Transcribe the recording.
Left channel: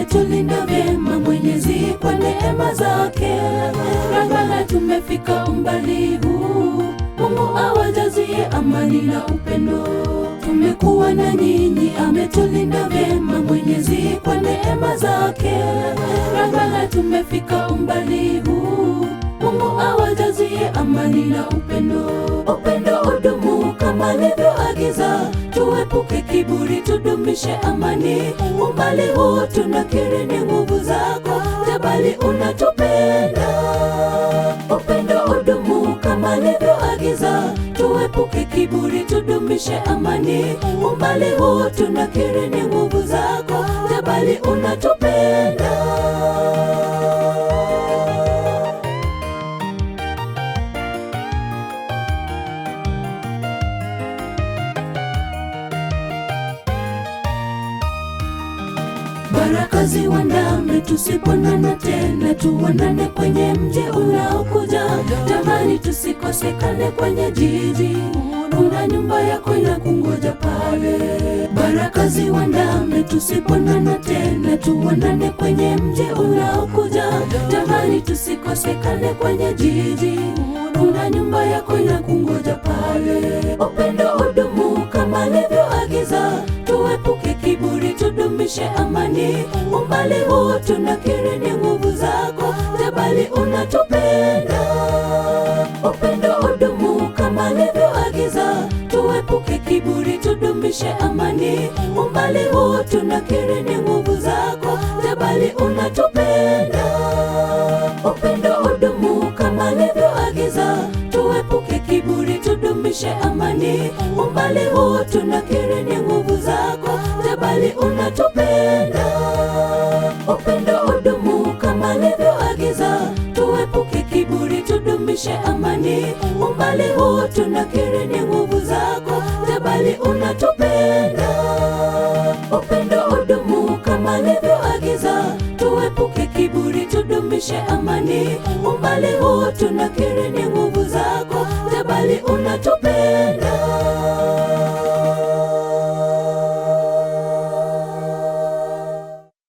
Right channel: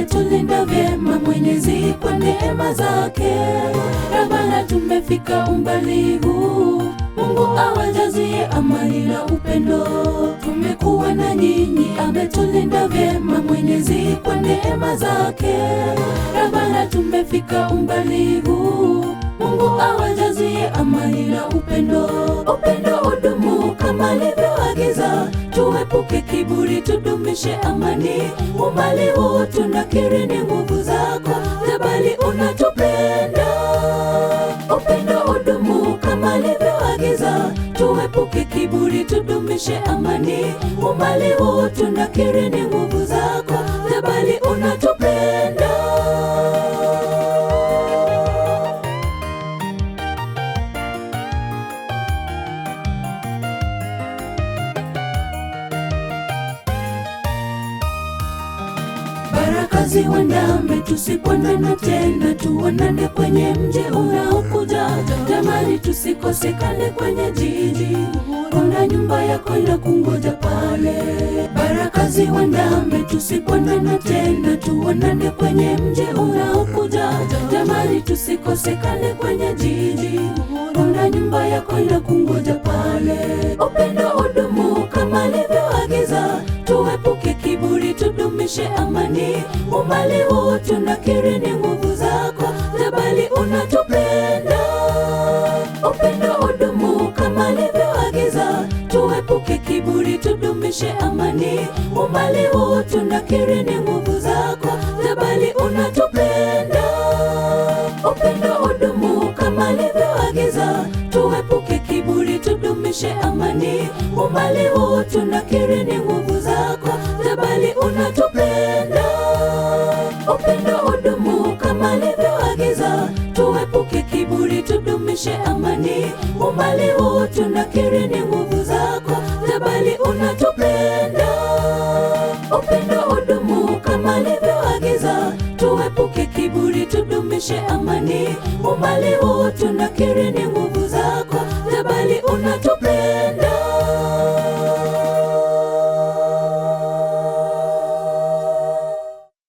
ametulinda vyema Mwenyezi kwa neema zake. Rangala tumefika umbali huu, Mungu awajazie amani na upendo. Tumekuwa na nyinyi, ametulinda vyema Mwenyezi kwa neema zake. Rangala tumefika umbali huu, Mungu awajazie amani na upendo. Upendo udumu kama alivyoagiza, tuepuke kiburi, tudumishe amani. Umbali huu tunakiri ni nguvu zako, jabali unatupenda. Upendo udumu kama alivyoagiza, tuepuke kiburi, tudumishe amani. Umbali huu tunakiri ni nguvu zako, jabali unatupenda. Baraka ziwandame tusiponana tena, tuonane kwenye mji unaokuja. Jamani tusikosekane kwenye jiji, kuna nyumba yako inakungoja pale. Baraka ziwandame tusiponana tena, tuonane kwenye mji unaokuja. Jamani tusikosekane kwenye jiji, kuna nyumba yako inakungoja pale. Upendo udumu kama alivyoagiza, tuepuke kiburi, tudumishe amani. Umbali huu tunakiri ni nguvu zako, jabali unatupenda. Upendo udumu kama alivyoagiza, tuepuke kiburi, tudumishe amani. Umbali huu tunakiri ni nguvu zako, jabali unatupenda. Upendo udumu kama alivyoagiza, tuepuke kiburi, tudumishe amani. Umbali huu tunakiri ni nguvu zako, jabali unatupenda. Upendo udumu kama alivyoagiza, tuepuke kiburi, tudumishe amani. Umbali huu tunakiri ni nguvu zako, jabali unatupenda. Upendo udumu kama alivyoagiza, tuepuke kiburi, tudumishe amani. Umbali huu tunakiri ni